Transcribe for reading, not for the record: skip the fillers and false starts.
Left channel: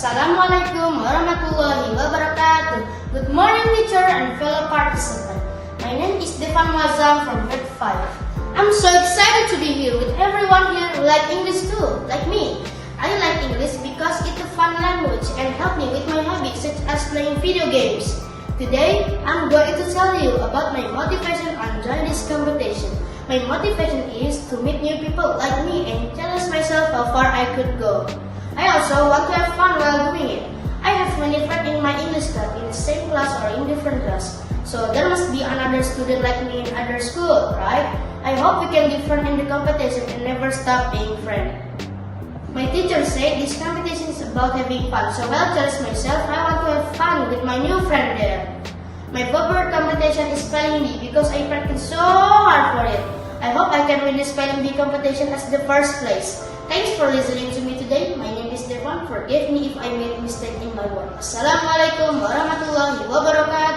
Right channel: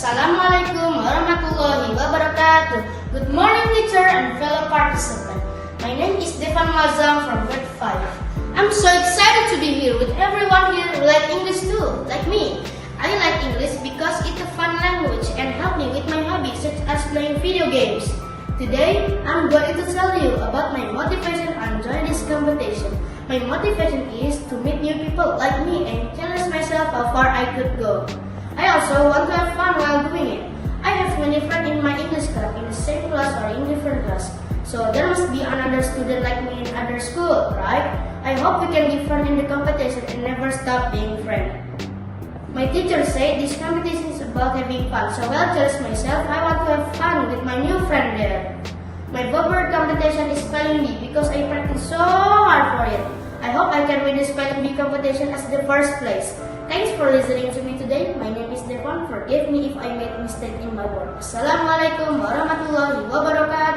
Assalamualaikum warahmatullahi wabarakatuh. Good morning, teacher and fellow participants. My name is Devan Mazam from grade 5. I'm so excited to be here with everyone here who like English too, like me. I like English because it's a fun language and help me with my hobbies such as playing video games. Today, I'm going to tell you about my motivation on joining this competition. My motivation is to meet new people like me and challenge myself how far I could go. I also want to have fun while doing it. I have many friends in my English club in the same class or in different class. So there must be another student like me in other school, right? I hope we can be friends in the competition and never stop being friends. My teacher said this competition is about having fun, so I'll challenge myself. I want to have fun with my new friend there. My favorite competition is spelling bee because I practice so hard for it. I hope I can win the spelling bee competition as the first place. Thanks for listening to me today. My name is Devan. Forgive me if I made a mistake in my work. Assalamualaikum warahmatullahi wabarakatuh.